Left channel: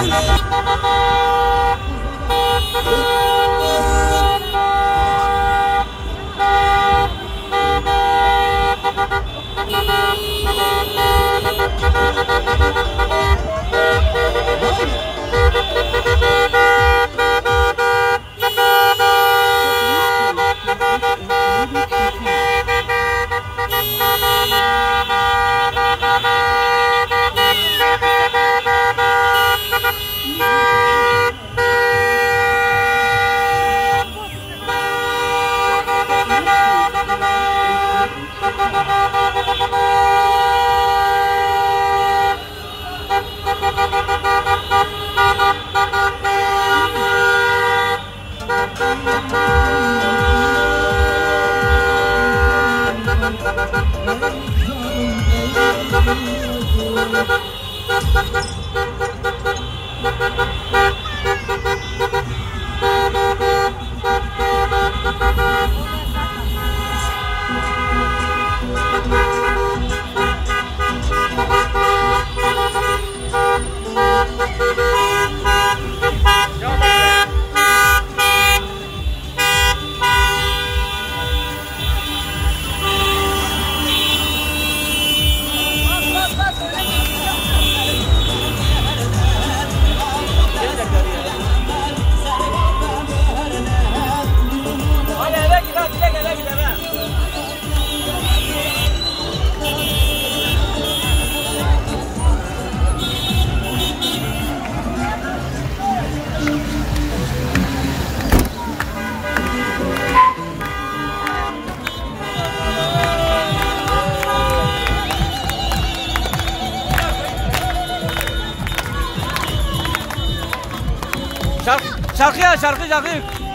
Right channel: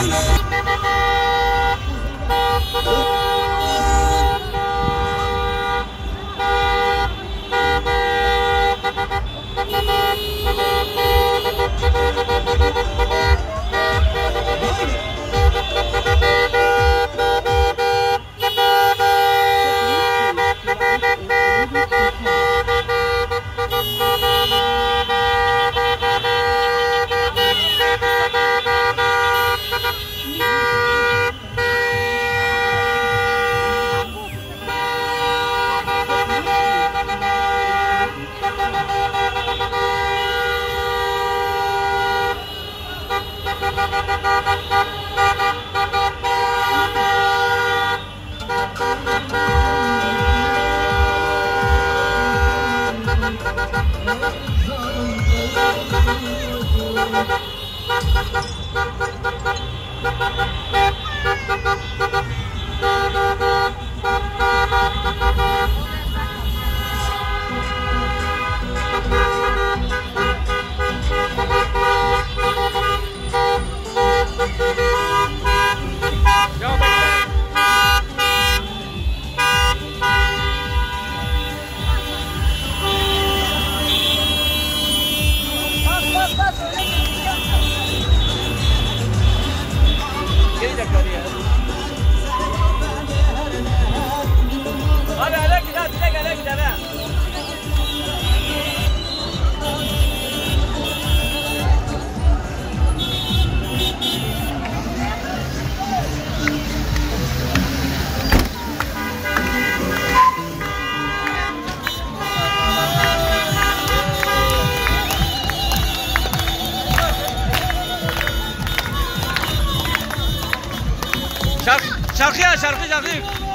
Şarkı.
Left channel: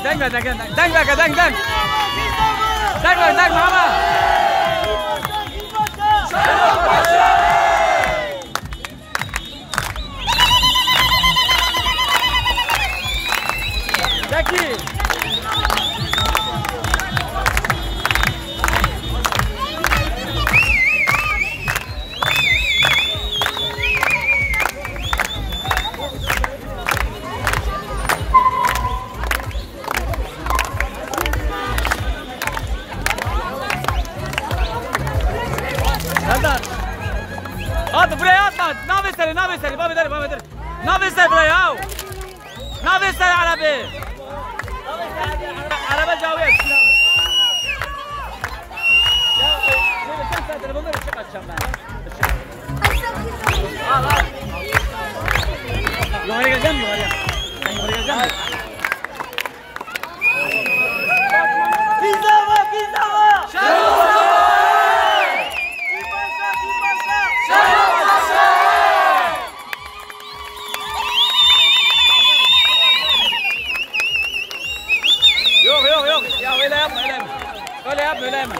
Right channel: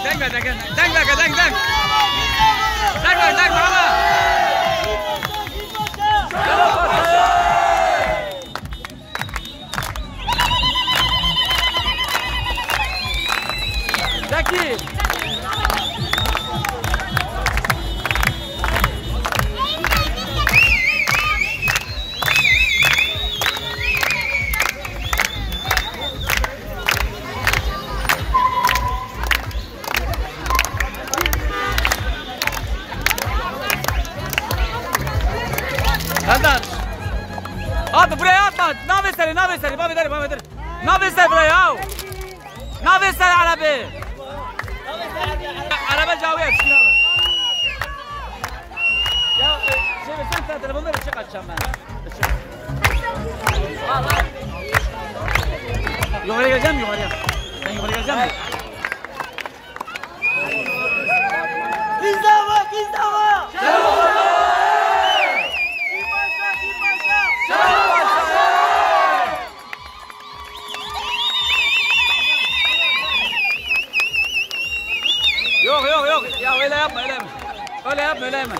Denk. Denk ama. Zeki. Hadi. At buraya atma. Navesleri. Babedir. Navesleri buraya. Navesleri arabi. Araba cavıya bismillah. Ya sen telefonları ışık açacağım ben. Al. Yukarı geleceğim mi? Sen yukarı geleceksin mi? Pizza var. Yok. Ya öyle yapma. Öyle yapma.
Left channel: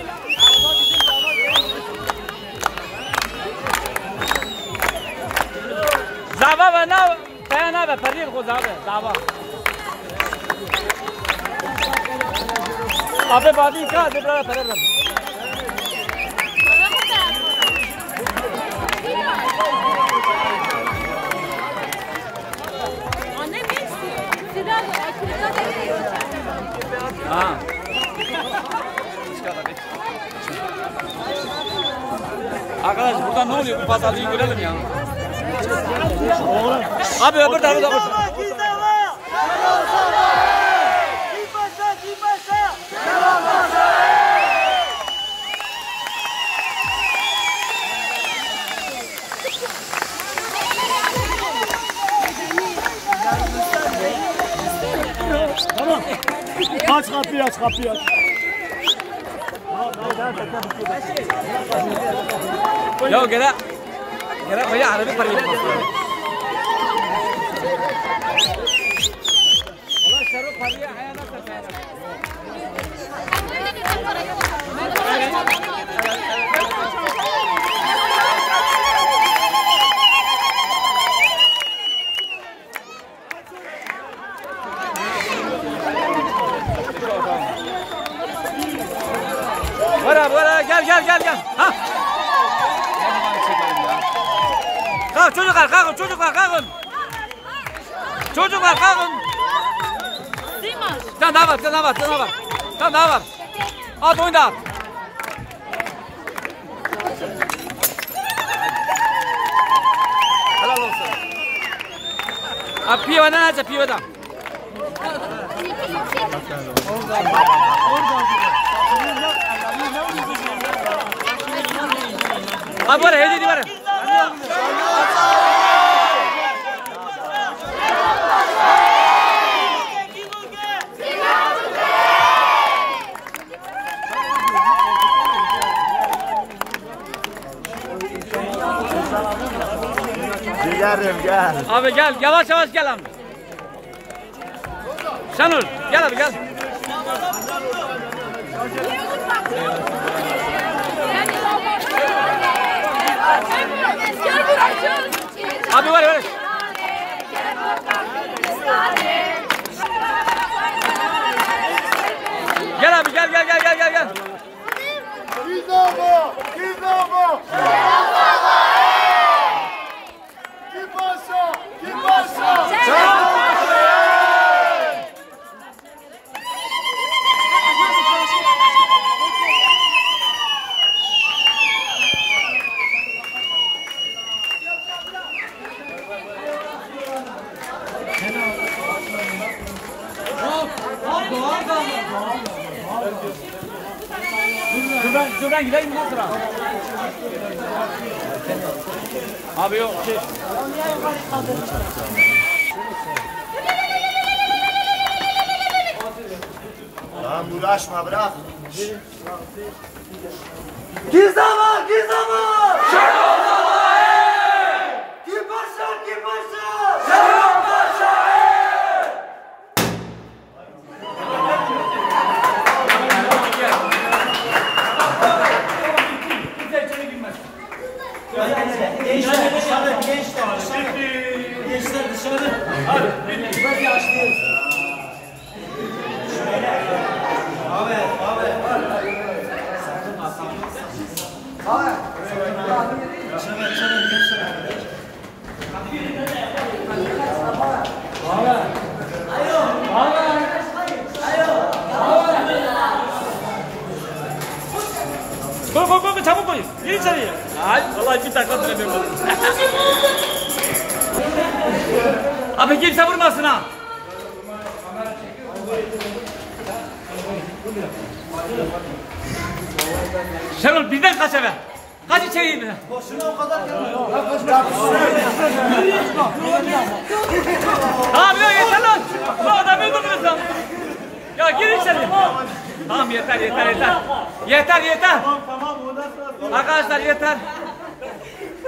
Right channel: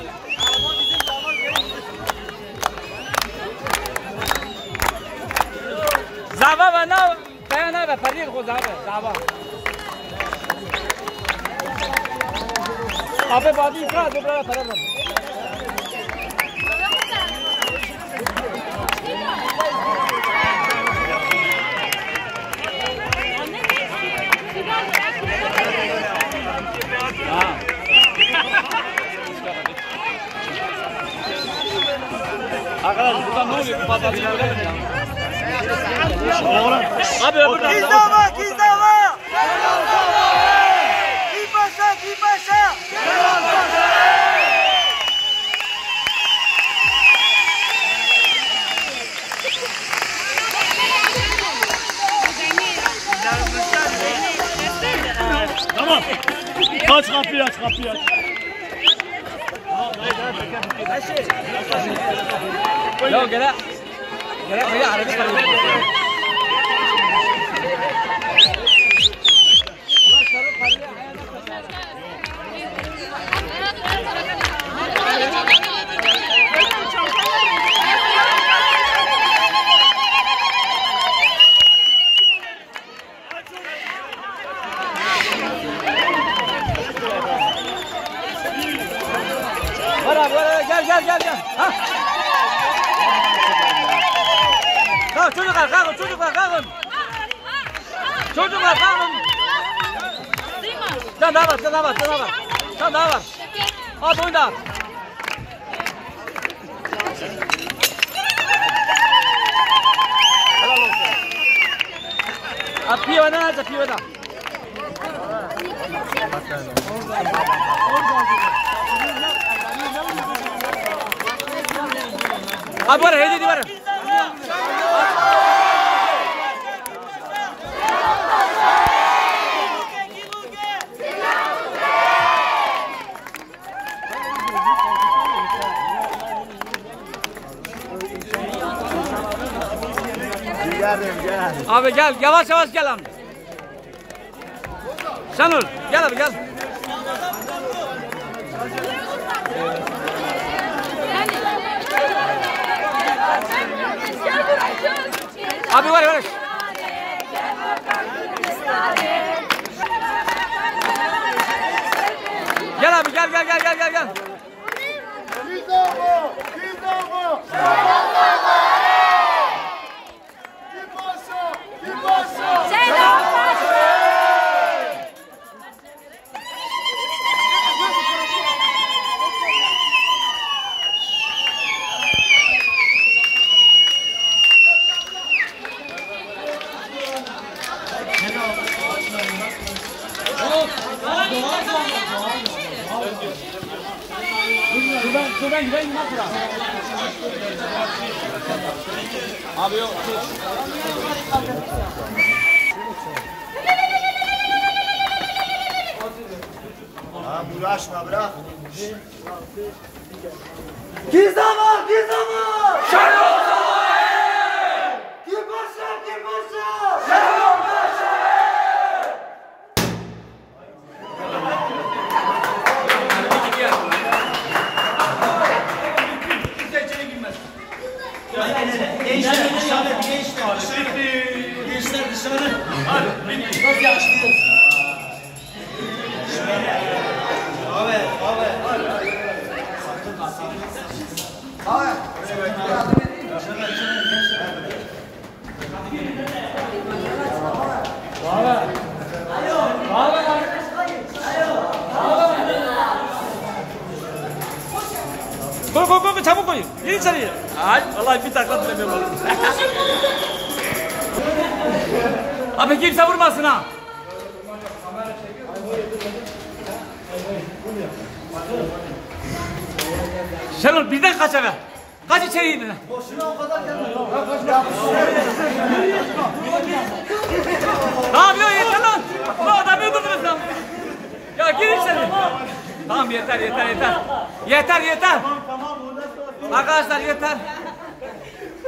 Zava ve na kayana ve parir ko zava. Abi badi ka de bra parir. Arkadaş burada ne oluyor? Bu pazarlığı görelim ya. Abi ya burada. Tamam. Aç kapıyı. Yo gel भैया अरबी पर Gel. Ha. Kalk çocuklar kalkın. Çocuklar kalkın. Sen daha var. Sen daha var. At oyunda at. Helal olsun. Piyada nerede piyada? Abi var hediye var. Gel. Abi gel yavaş gel abi. Şenol gel abi gel. Abi var. Gel abi gel. Gizogo. Şuradan gidelim bundan sonra. Abi yok. Uğraşma bırak. Gizama! Kim başa! Gençler dışarı. Bak yaşlıyız. Abi. Koy çabuk koy. Gir içeriye. Ay vallahi bir dakika duramıyorum. Abi kimse vurmasın ha. Şenol bizden kaç eve. Kaç içeriye bizden. Boşuna o kadar gelmiyor. Tamam ya yeter lan. Bu adamı öldürdünüz lan. Ya gir içeriye. Tamam yeter. Yeter. Tamam ondan sonra. Arkadaşlar yeter.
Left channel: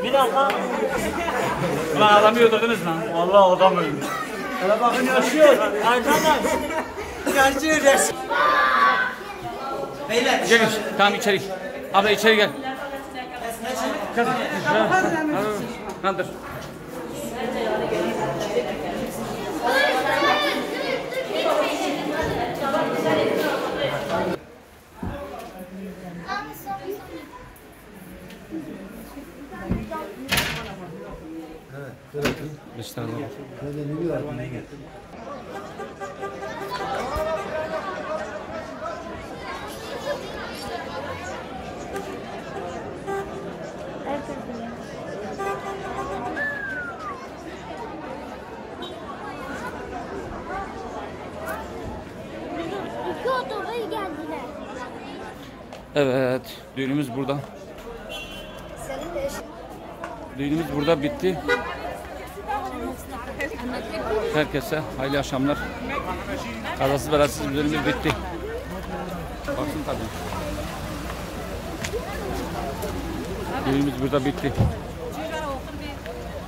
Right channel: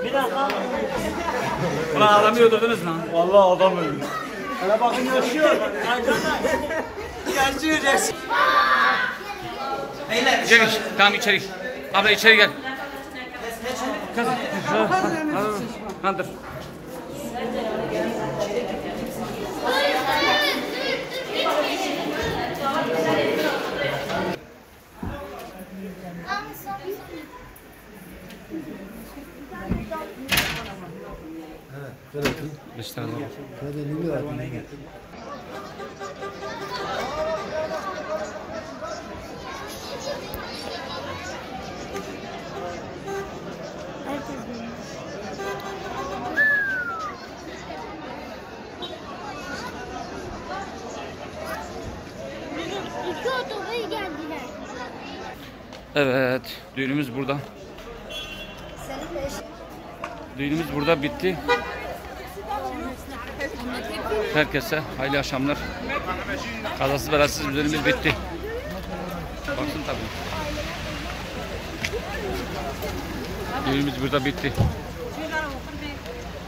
Bir dakika. Ulan adamı öldürdünüz lan. Vallahi adam öldü. Hele bakın yaşıyor. Yaşıyor. Beyler. Gel tamam içeri. Abla içeri gel. Kız. Kandır. Evet, düğünümüz burada. Düğünümüz burada bitti. Herkese hayırlı akşamlar. Kazasız belasız bir düğünümüz bitti. Baksın tabii. Düğünümüz burada bitti.